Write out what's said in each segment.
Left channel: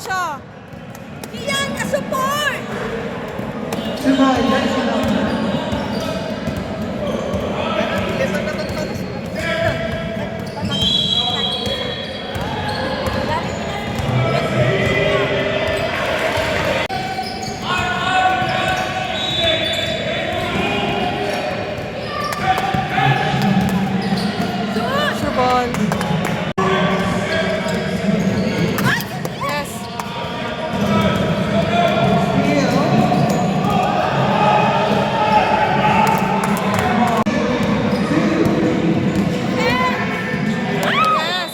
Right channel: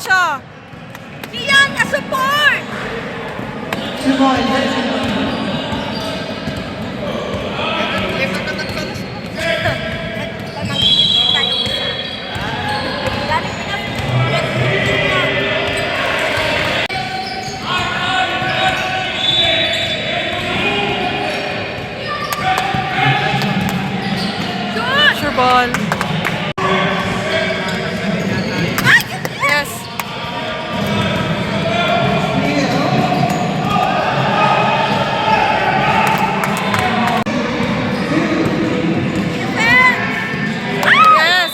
diretso. Iyan, support! Sure ball. Yes. Yes.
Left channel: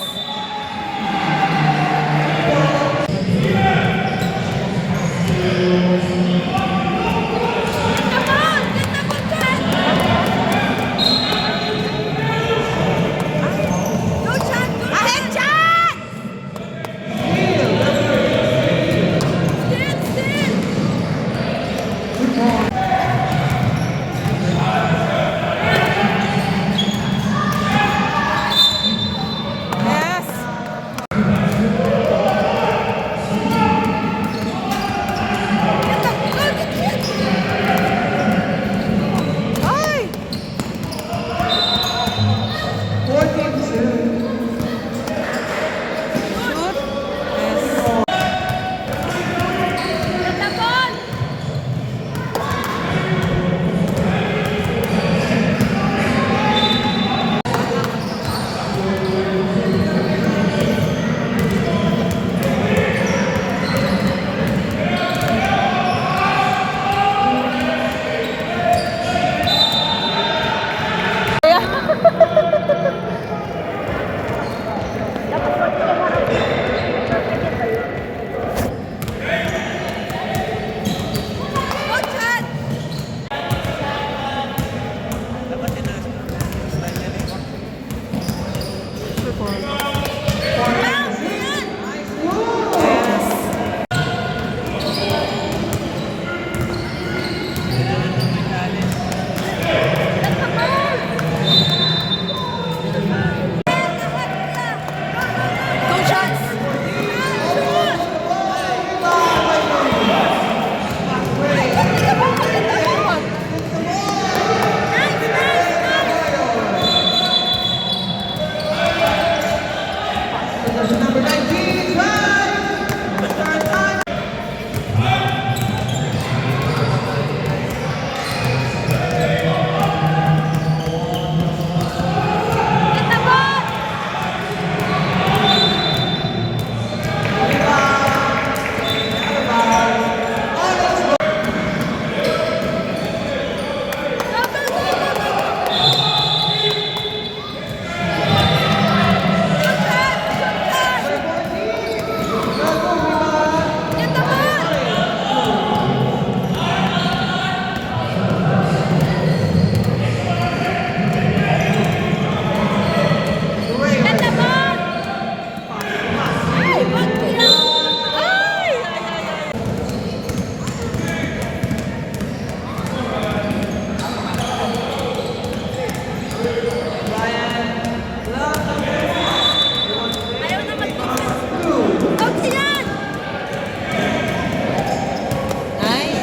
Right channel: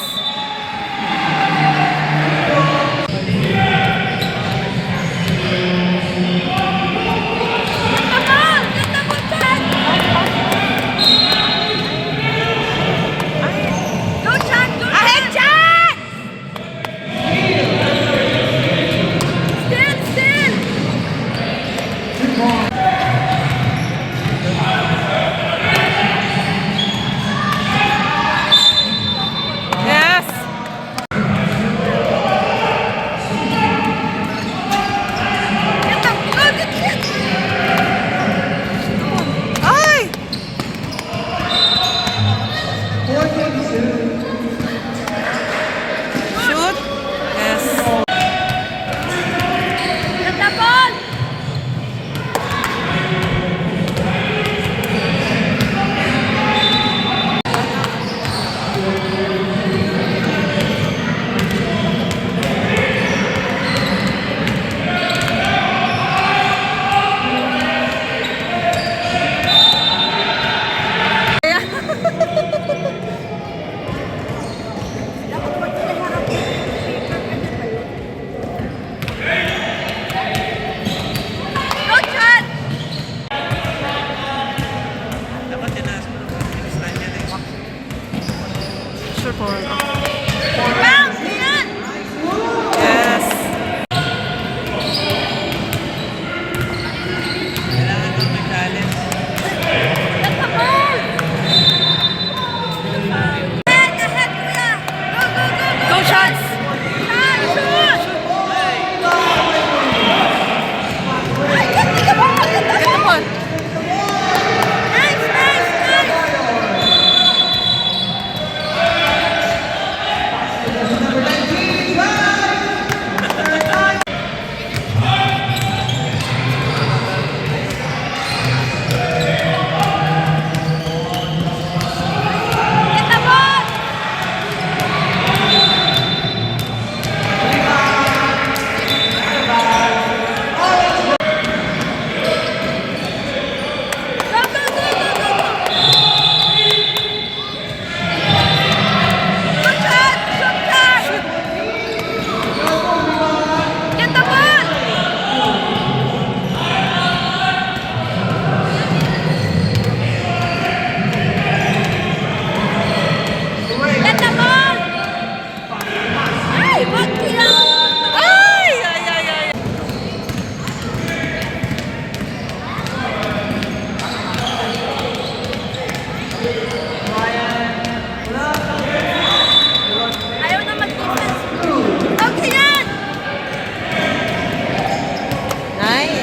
Go, Chan! Go, Chan! Chan! Stand, stand! Yes. Get the, go, get it! Ay! Shoot. Yes. Get the ball! Go, Chan! Sure ball. Bounce! Iyan! Yes. Go shots. Get the ball. Get the ball! Get the ball! Ay, wag yan! Ay! Ay, ay, ay. Ayaw na mag-focus. Out yan! Nice.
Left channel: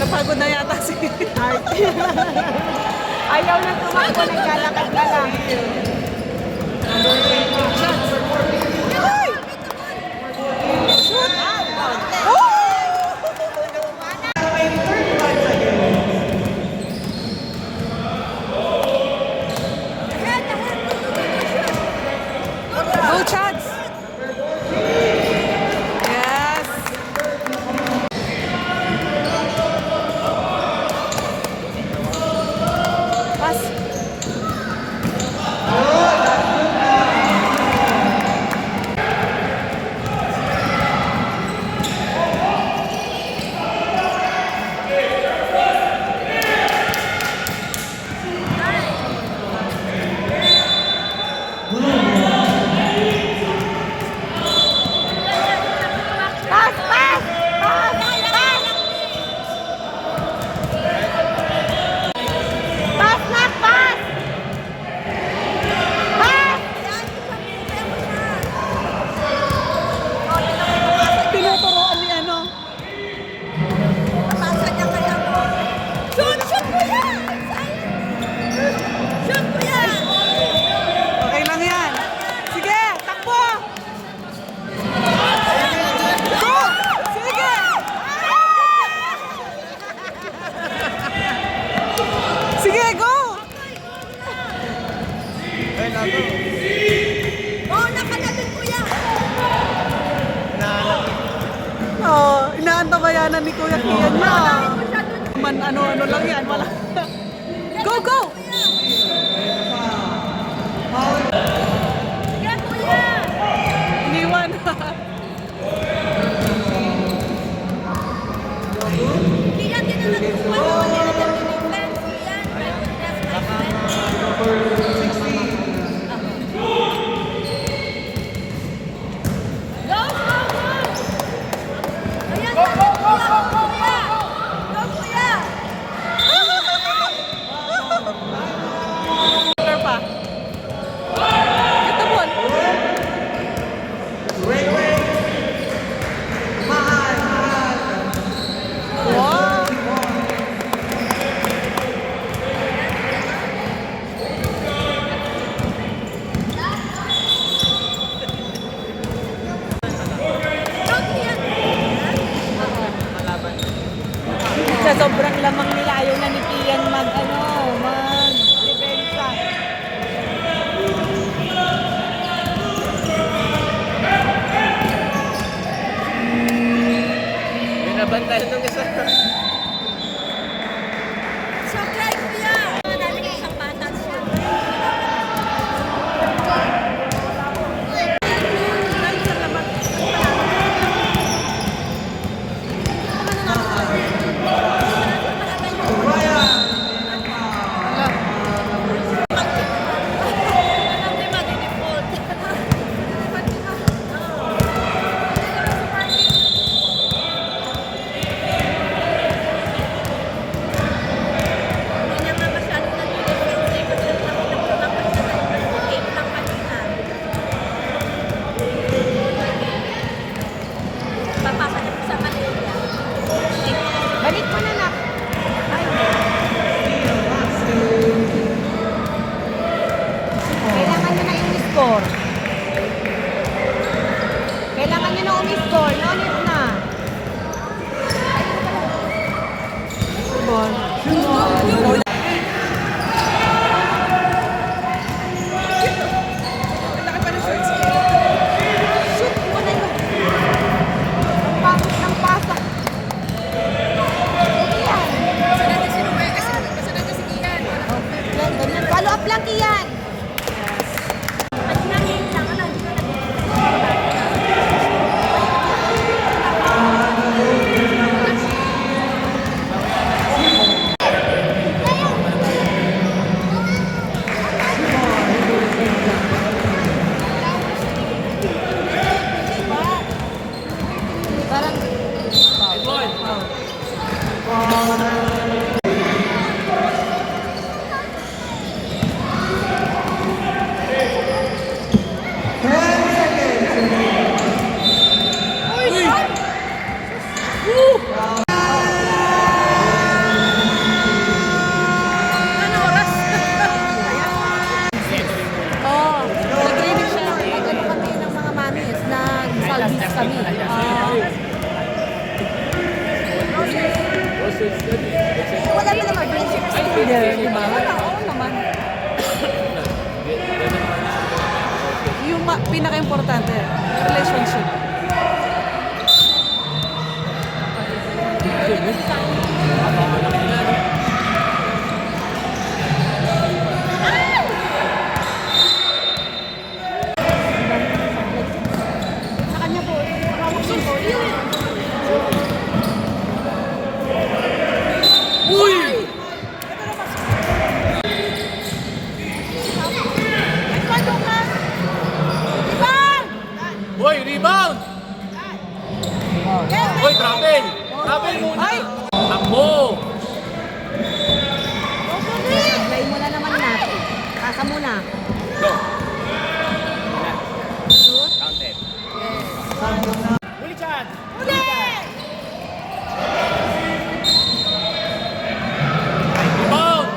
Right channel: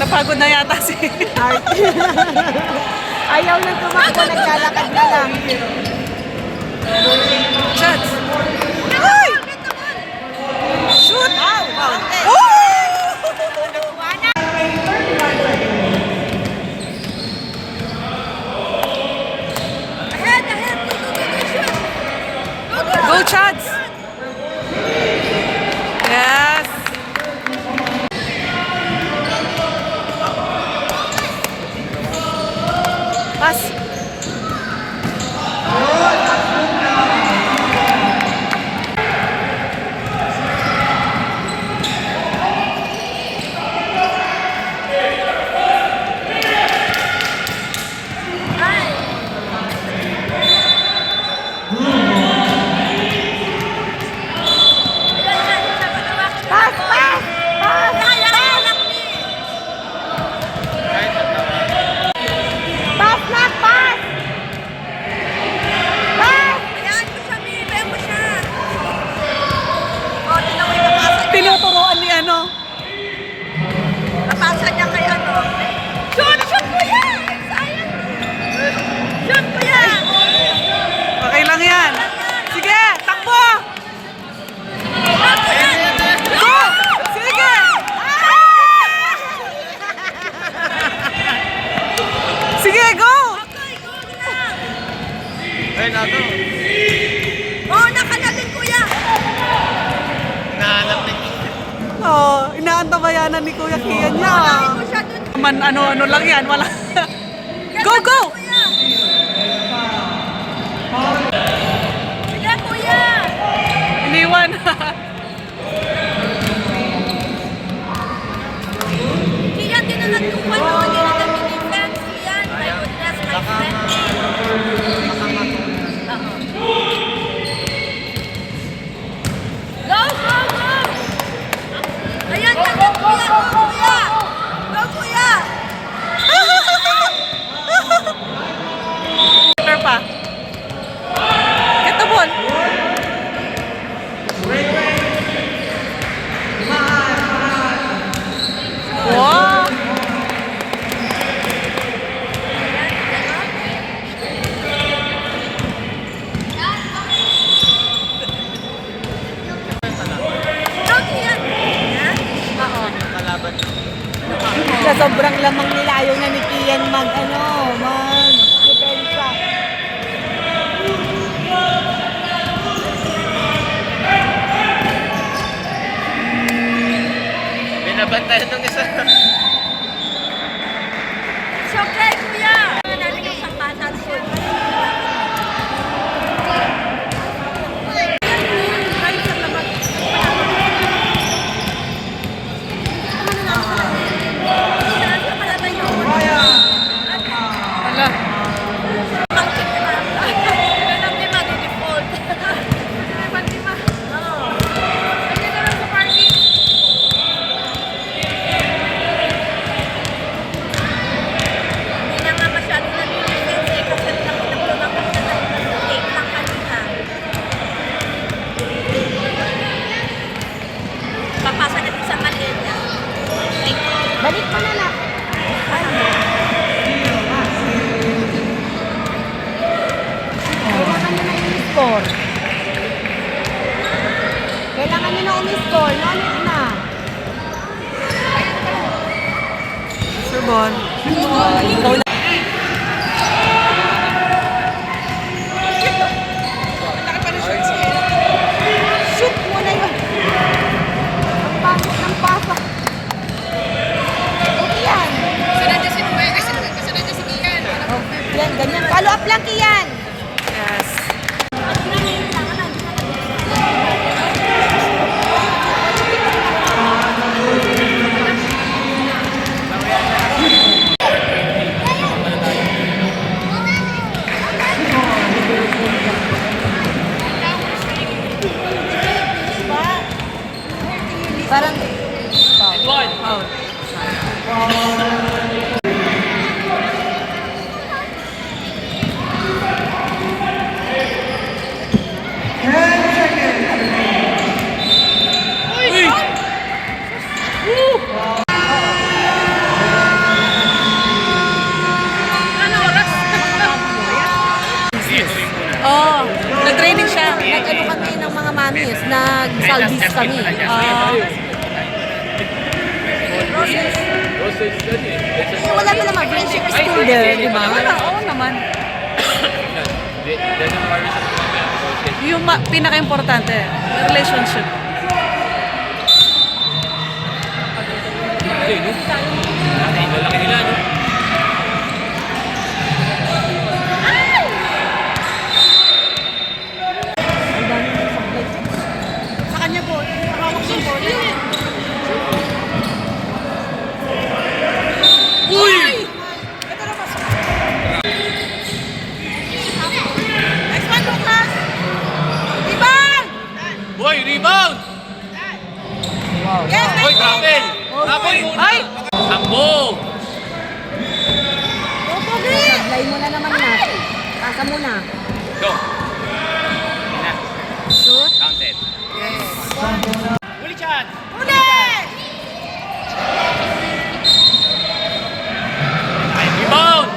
Napagod na yata si Ayaw na tumakbo, naglalakad na lang. Shots. Ay! Get the ball! Shoot. Oh! Ahead, ahead! Go, go, go, shoot! Go, go! Go shots. Yes. Pass. antabayanan ni Kuya Kian niya. Man, ano lang yan, wala. Go, go! Iniwan. Pa. Get the ball. Wow. Sa sobrang lamang nila, ayaw na ni Kian mag-depensa. Binabantayan nung isa. It's okay, kuya! Namin yung sampatang food. Hala. Balik mo na lang. Kailangan nyo na i-score. Kailangan nyo na i-score. Nalit na. Sure ball. Shoot mo na yun. Yan, ganyan. Follow up lang, Kian. Yes. Parang Out. Oh, nag-training siya. nag-ano kami ng mga mamis, nag-salvis kami. Eh, wala na naman, friendship is still there, di ba? Wala, oo naman. Yung pinaka-importante, relationship. Lalaki nila, no? Sa kanya po, hawak yung ball. Uy! Nice one, Lucas! Rebound! Uy, rebound! Yes, Uy, nice grabe! Grabe! Ay! Takbo! Play mo na naman na. Pasa mo na. Go! Shoot. Counted. Uli, Chad! Rebound!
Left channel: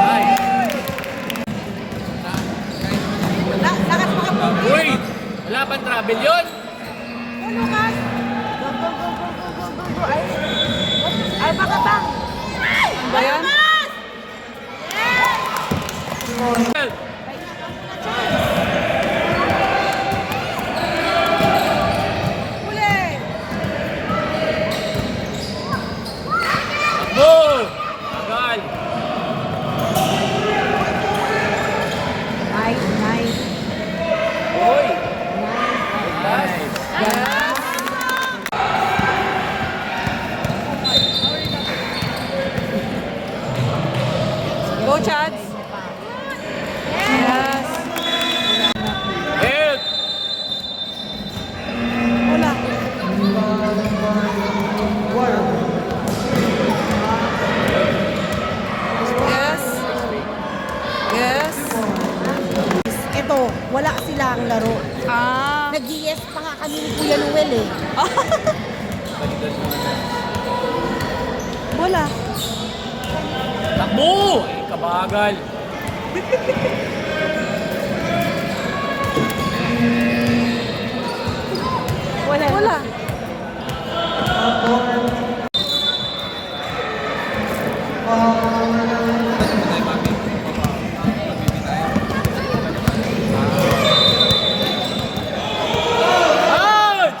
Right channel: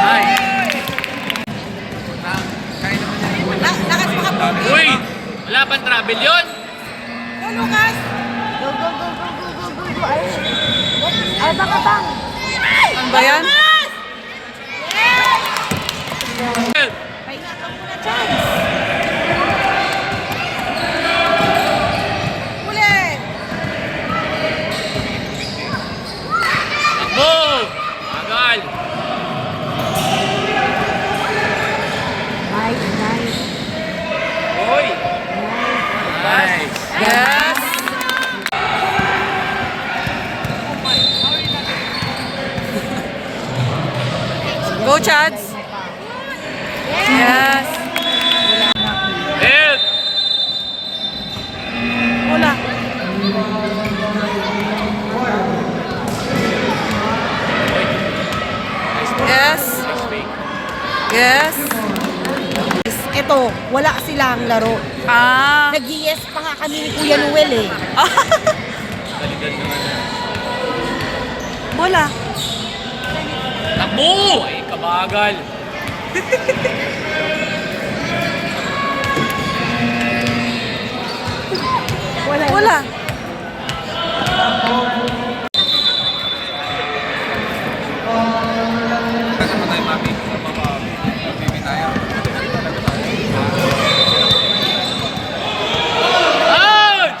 Ay! Lakas mga pogi. Uy! Wala pang travel yun? Go, Lucas! Go, go, go, go, go, go, go. Ay, baka bang. Ano ba yan? Uli! wala ang laro. Ah. Nag-yes pa nga kami ni Kuya Noel eh. Bola. Takbo! Ay, kabagal. Bola. Out!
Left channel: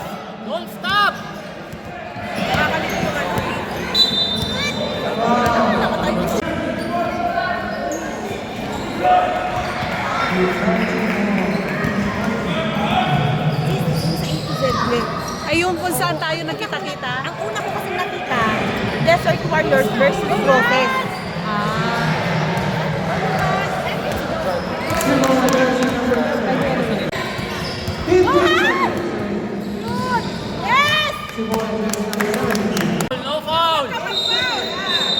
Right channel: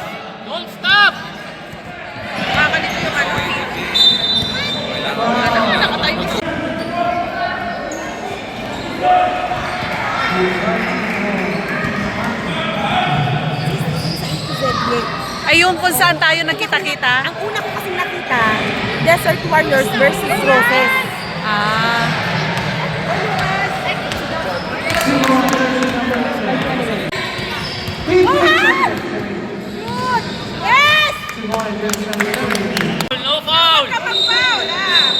Don't stop! Ayun kung saan tayo nagkita-kita. Ang una ko kasi nakita, Desert Warriors versus Roses. Ah. Yes! No foul! Kapag-foul ah!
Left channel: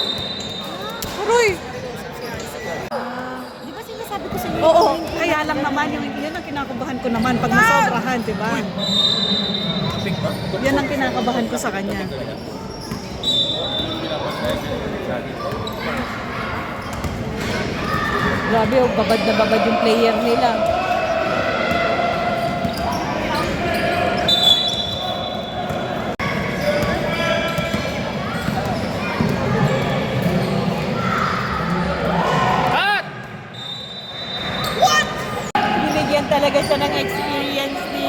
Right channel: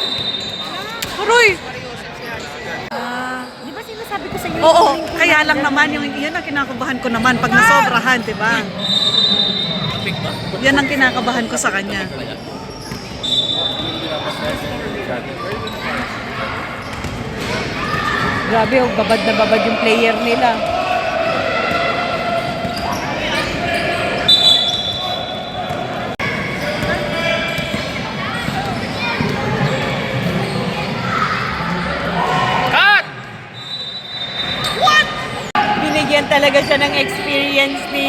Aroy. Ah. Di ba sinasabi ko sa inyo? Oo, kaya lang naman yung yun ang kinakabahan ko naman pag nasobrahan, 'di ba? Kapig ba? Yan ang kinakabahan ko sa kanya. Grabe, oh, babad na babad yung player nila. Cut! Binigyan talaga siya ng experience ni